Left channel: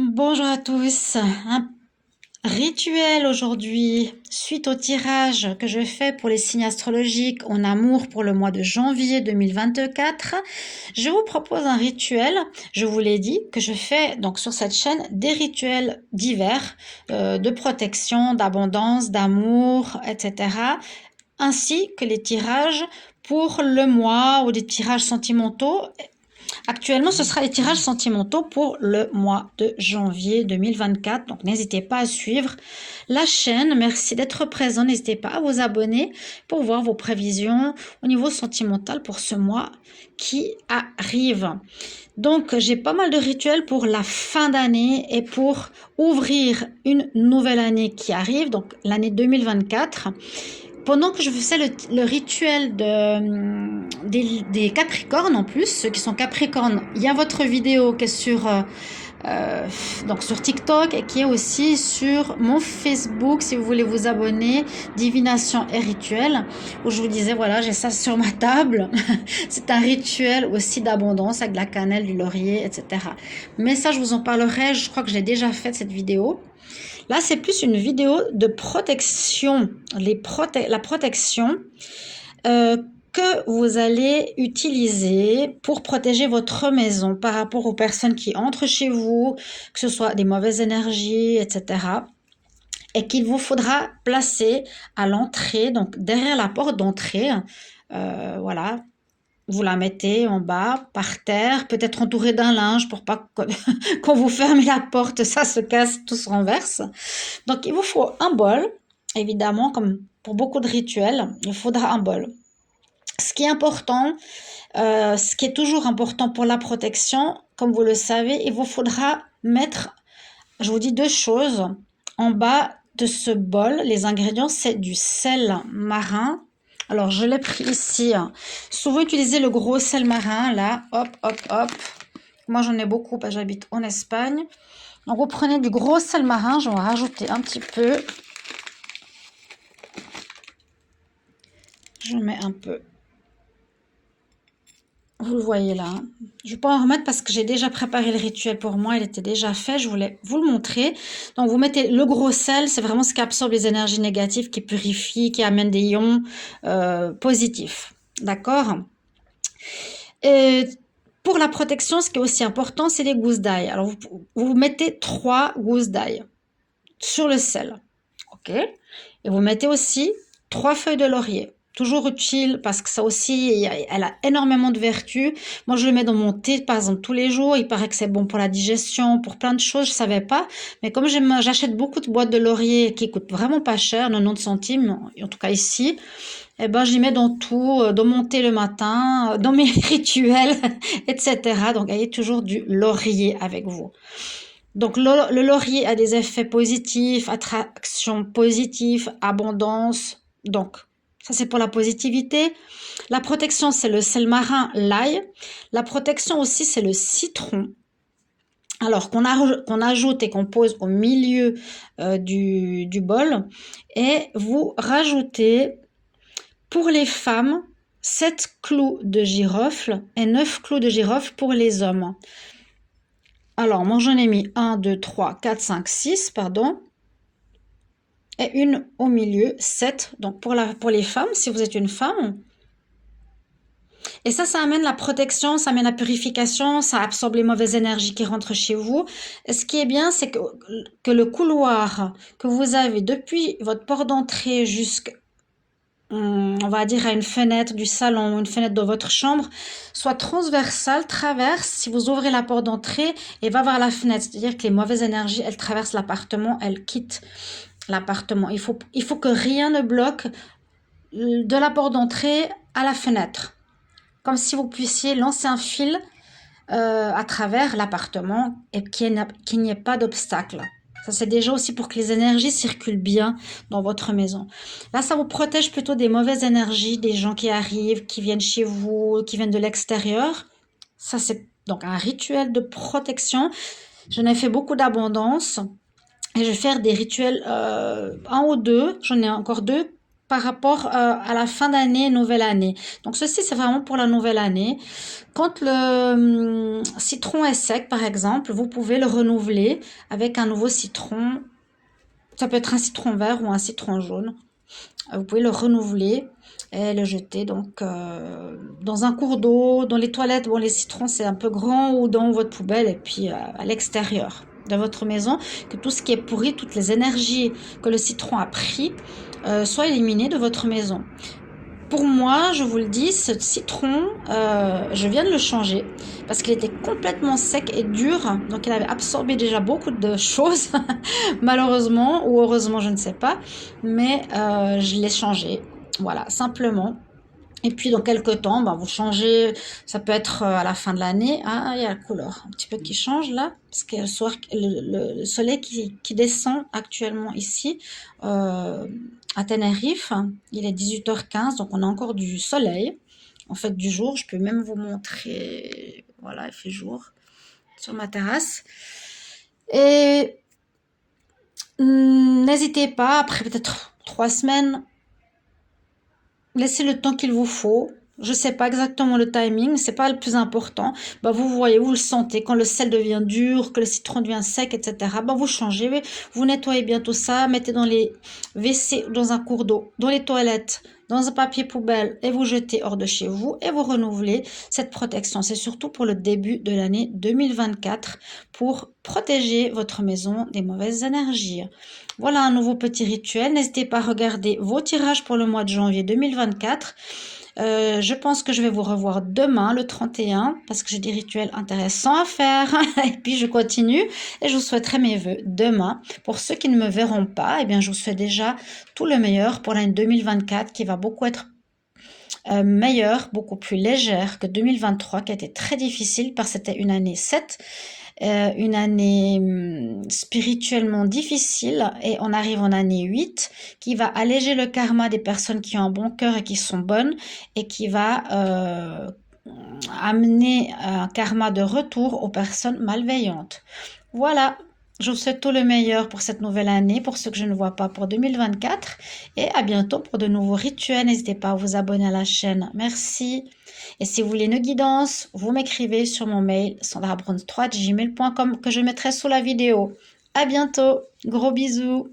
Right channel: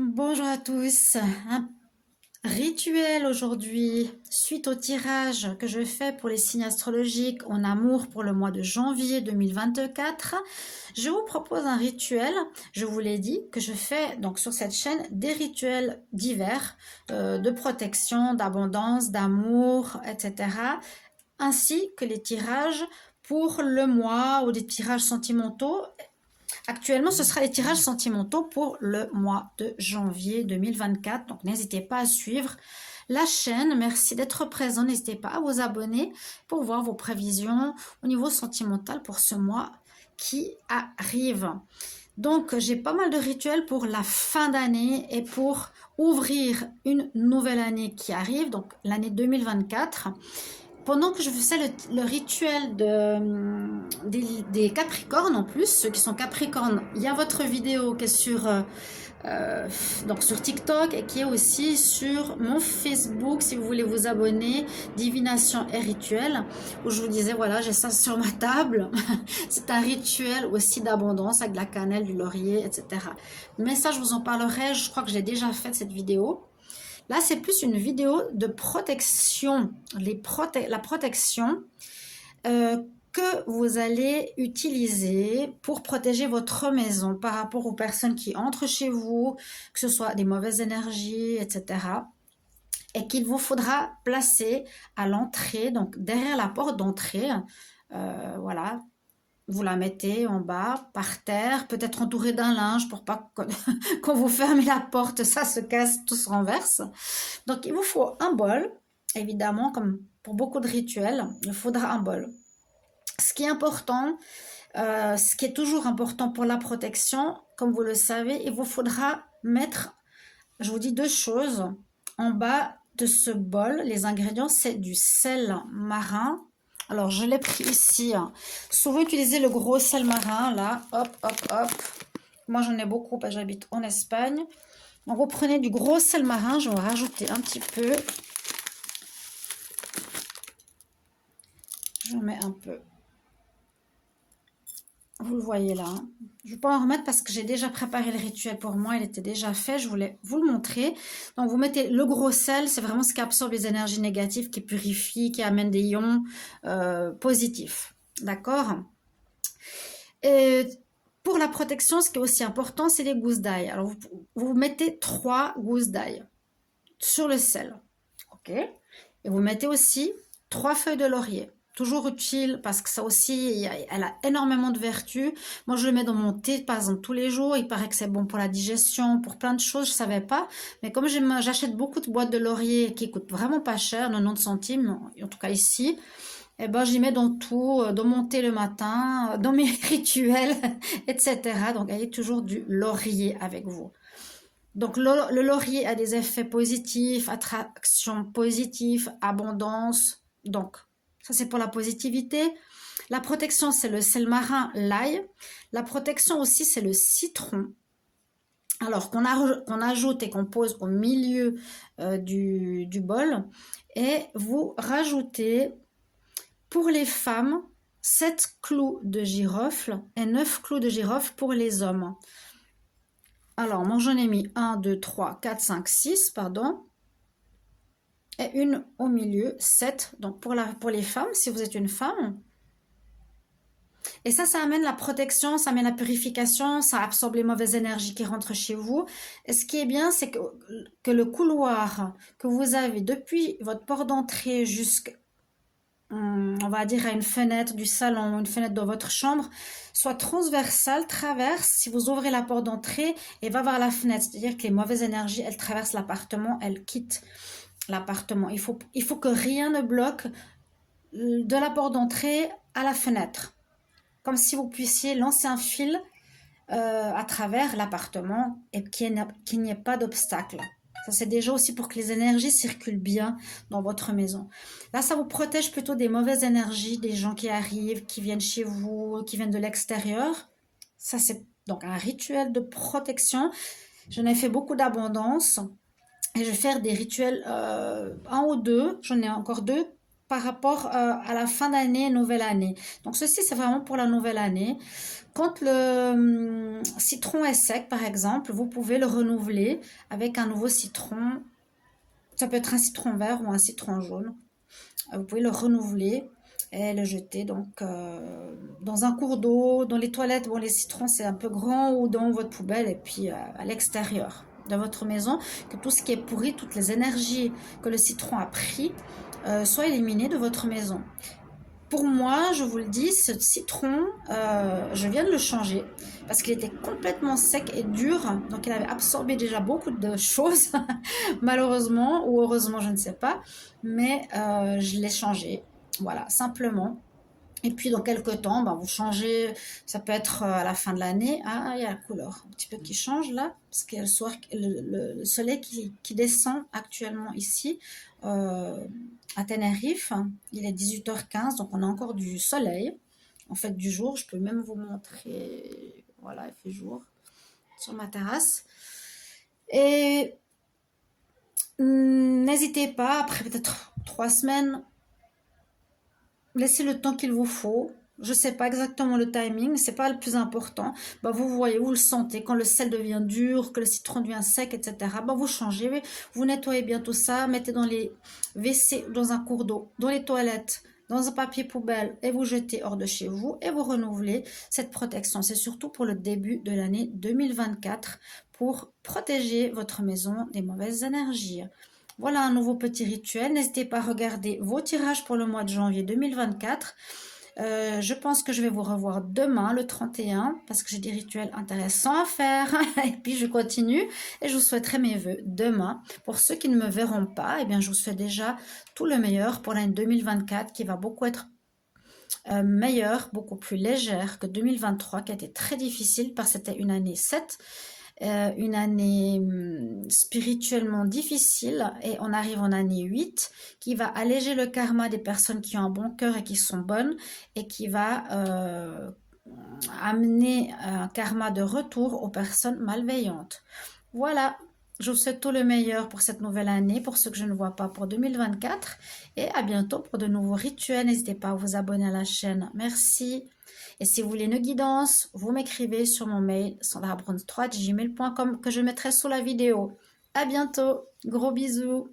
Bonjour à tous. Un rituel aujourd'hui, suite au tirage que je fais pour les signes astrologiques en amour pour le mois de janvier 2024. Je vous propose un rituel. Je vous l'ai dit que je fais donc sur cette chaîne des rituels divers de protection, d'abondance, d'amour, etc. Ainsi que les tirages pour le mois ou des tirages sentimentaux. Actuellement, ce sera les tirages sentimentaux pour le mois de janvier 2024. Donc, n'hésitez pas à suivre la chaîne. Merci d'être présent. N'hésitez pas à vous abonner pour voir vos prévisions au niveau sentimental pour ce mois qui arrive. Donc, j'ai pas mal de rituels pour la fin d'année et pour ouvrir une nouvelle année qui arrive, donc l'année 2024. Pendant que je faisais le rituel des Capricornes en plus, ceux qui sont Capricornes, il y a votre vidéo qui est donc sur TikTok et qui est aussi sur mon Facebook si vous voulez vous abonner, Divination et Rituel, où je vous disais voilà, j'ai ça sur ma table. C'est un rituel aussi d'abondance avec de la cannelle, du laurier, etc. Mais ça, je vous en parlerai, je crois que j'ai déjà fait cette vidéo. Là, c'est plus une vidéo de protection, la protection que vous allez utiliser pour protéger votre maison par rapport aux personnes qui entrent chez vous, que ce soit des mauvaises énergies, etc. Et qu'il vous faudra placer à l'entrée, donc derrière la porte d'entrée, voilà. Vous la mettez en bas, par terre, peut-être entourée d'un linge pour pas que quand vous fermez la porte, ça se casse, tout se renverse. Donc, il vous faut un bol, évidemment, comme pour beaucoup de rituels, il faudra un bol. Ce qui est important, ce qui est toujours important pour la protection, comme vous le savez, il vous faudra mettre, je vous dis deux choses, en bas de ce bol, les ingrédients, c'est du sel marin. Alors, je l'ai pris ici. Souvent, utilisez le gros sel marin, là. Hop, hop, hop. Moi, j'en ai beaucoup parce que j'habite en Espagne. Donc, vous prenez du gros sel marin. Je vais en rajouter un petit peu. Je mets un peu. Vous le voyez là. Je ne vais pas en remettre parce que j'ai déjà préparé le rituel pour moi. Il était déjà fait. Je voulais vous le montrer. Donc, vous mettez le gros sel. C'est vraiment ce qui absorbe les énergies négatives, qui purifie, qui amène des ions positifs. D'accord? Et pour la protection, ce qui est aussi important, c'est les gousses d'ail. Alors, vous mettez 3 gousses d'ail sur le sel. OK? Et vous mettez aussi 3 feuilles de laurier. Toujours utile parce que ça aussi, elle a énormément de vertus. Moi, je le mets dans mon thé, par exemple, tous les jours. Il paraît que c'est bon pour la digestion, pour plein de choses. Je ne savais pas. Mais comme j'achète beaucoup de boîtes de laurier qui coûtent vraiment pas cher, 90 centimes, en tout cas ici, eh ben, j'y mets dans tout, dans mon thé le matin, dans mes rituels, etc. Donc, ayez toujours du laurier avec vous. Donc, le laurier a des effets positifs, attraction positive, abondance. Donc, ça, c'est pour la positivité. La protection, c'est le sel marin, l'ail. La protection aussi, c'est le citron. Alors, qu'on ajoute et qu'on pose au milieu du bol. Et vous rajoutez, pour les femmes, 7 clous de girofle et 9 clous de girofle pour les hommes. Alors, moi, j'en ai mis 1, 2, 3, 4, 5, 6, pardon. Et une au milieu, 7. Donc, pour les femmes, si vous êtes une femme. Et ça amène la protection, ça amène la purification, ça absorbe les mauvaises énergies qui rentrent chez vous. Et ce qui est bien, c'est que le couloir que vous avez depuis votre porte d'entrée jusqu'à, on va dire, à une fenêtre du salon, une fenêtre de votre chambre, soit transversale, traverse, si vous ouvrez la porte d'entrée et va vers la fenêtre. C'est-à-dire que les mauvaises énergies, elles traversent l'appartement, elles quittent l'appartement. Il faut que rien ne bloque de la porte d'entrée à la fenêtre. Comme si vous puissiez lancer un fil à travers l'appartement et qu'il n'y ait pas d'obstacle. Ça, c'est déjà aussi pour que les énergies circulent bien dans votre maison. Là, ça vous protège plutôt des mauvaises énergies, des gens qui arrivent, qui viennent chez vous, qui viennent de l'extérieur. Ça, c'est donc un rituel de protection. J'en ai fait beaucoup d'abondance. Et je vais faire des rituels, un ou deux. J'en ai encore deux par rapport à la fin d'année, nouvelle année. Donc ceci, c'est vraiment pour la nouvelle année. Quand le citron est sec, par exemple, vous pouvez le renouveler avec un nouveau citron. Ça peut être un citron vert ou un citron jaune. Vous pouvez le renouveler et le jeter donc dans un cours d'eau, dans les toilettes. Bon, les citrons, c'est un peu grand, ou dans votre poubelle, et puis à l'extérieur de votre maison, que tout ce qui est pourri, toutes les énergies que le citron a pris, soient éliminées de votre maison. Pour moi, je vous le dis, ce citron, je viens de le changer parce qu'il était complètement sec et dur. Donc, il avait absorbé déjà beaucoup de choses, malheureusement ou heureusement, je ne sais pas. Mais je l'ai changé, voilà, simplement. Et puis, dans quelques temps, ben, vous changez, ça peut être à la fin de l'année. Ah, il y a la couleur un petit peu qui change là, parce qu'il y a le soleil qui descend actuellement ici. À Tenerife, il est 18h15, donc on a encore du soleil, en fait du jour. Je peux même vous montrer, voilà, il fait jour sur ma terrasse. Et n'hésitez pas, après peut-être 3 semaines, laissez le temps qu'il vous faut. Je ne sais pas exactement le timing, c'est pas le plus important. Bah, vous voyez, vous le sentez, quand le sel devient dur, que le citron devient sec, etc. Bah, vous changez, vous nettoyez bien tout ça, mettez dans les WC, dans un cours d'eau, dans les toilettes, dans un papier poubelle, et vous jetez hors de chez vous et vous renouvelez cette protection. C'est surtout pour le début de l'année 2024, pour protéger votre maison des mauvaises énergies. Voilà un nouveau petit rituel. N'hésitez pas à regarder vos tirages pour le mois de janvier 2024. Je pense que je vais vous revoir demain, le 31, parce que j'ai des rituels intéressants à faire. Et puis, je continue et je vous souhaiterai mes vœux demain. Pour ceux qui ne me verront pas, eh bien, je vous souhaite déjà tout le meilleur pour l'année 2024, qui va beaucoup être meilleure, beaucoup plus légère que 2023, qui a été très difficile, parce que c'était une année 7, une année spirituellement difficile, et on arrive en année 8 qui va alléger le karma des personnes qui ont un bon cœur et qui sont bonnes, et qui va amener un karma de retour aux personnes malveillantes. Voilà, je vous souhaite tout le meilleur pour cette nouvelle année, pour ceux que je ne vois pas pour 2024, et à bientôt pour de nouveaux rituels. N'hésitez pas à vous abonner à la chaîne. Merci. Et si vous voulez une guidance, vous m'écrivez sur mon mail sandrabrons3@gmail.com, que je mettrai sous la vidéo. À bientôt, gros bisous.